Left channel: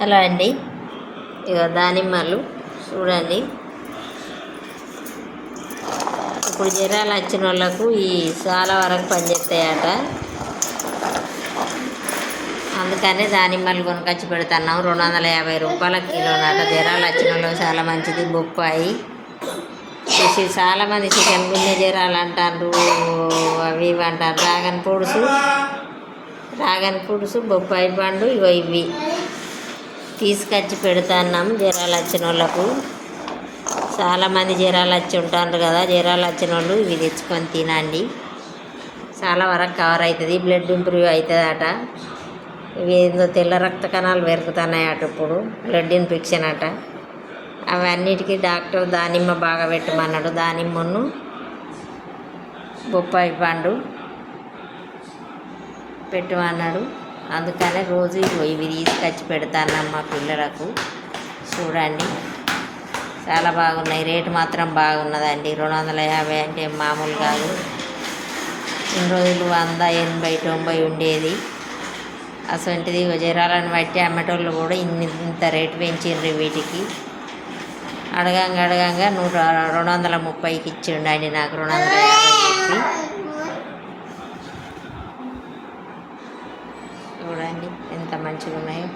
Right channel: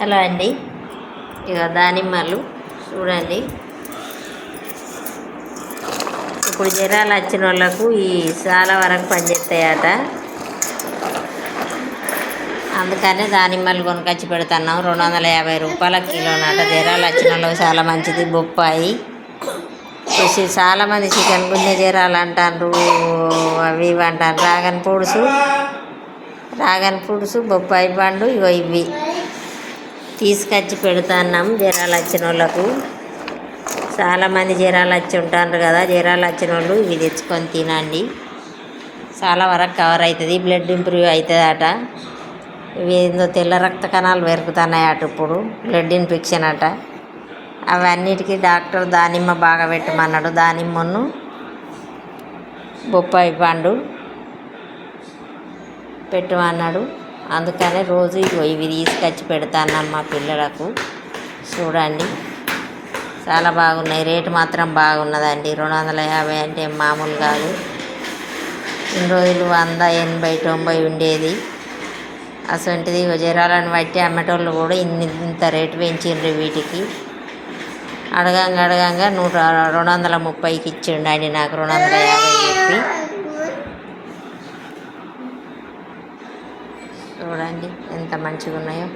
Hello అండి, ఇక దానిమ్మలు చూడండి. ఇప్పుడు జ్వరాలు వచ్చిన వాళ్ళకు ఈ చాలా వరకు పనిచేస్తాయట. అందుకనే దానిమ్మలు కొనుకొచ్చి పెడుతున్నాం. 250 రూపాయల కిలోనట. జ్వరాలు వచ్చిన వాళ్ళకి చాలా మంచిది. బొప్పాయి చాలామంది చికెన్ గుండె జ్వరాలు అంటారు, అవి ఇవి అంటారు. డ్రాగన్ ఫ్రూట్స్, బొప్పాయి పండు, ఇవి తీసుకొచ్చి పెడుతున్నాం జ్వరాలు వచ్చిన వాళ్ళకు. చాలామంది జ్వరాలు వచ్చి ఉంటారు కదా, జ్వరాలు వచ్చిన వాళ్ళు ఇవి తెచ్చుకొని తినండి. చాలా వరకు కవర్ అవుతుంది, బ్లడ్ ఇంప్రూవ్ అవుతుందట. ఇవి ఏందో తెల్ల రక్త కణాలు పెరుగుతున్నాయట. ఇప్పుడు బ్లడ్ ఇన్ఫెక్షన్ అట. అవన్నిటికీ డాక్టర్ దానిమ్మ బాగా పెట్టమన్నాడు. దానిమ్మను బొప్పాయి పండు పెట్టమన్నాడు. అందుకనే రోజు ఇవి తీసుకొచ్చి పెడతాను మా పిల్లలకు. చూడండి, చాలా బాగున్నాయి. రేటు మాత్రం బాగున్నదండి. 250 అంటే మామూలు కాదు. ఇన్ని రోజులు 100, 80, 90 ఉండేది. అసంటిది జ్వరాలను బట్టి అమ్మేటోళ్ళు కూడా ఇంత రేటు పెంచిండ్రు వీటికి. అడగంగా 230కి ఇచ్చిండండి నాకు. 250 చెప్పి. చూడండి ఎంత మంచిగా ఉన్నాయో.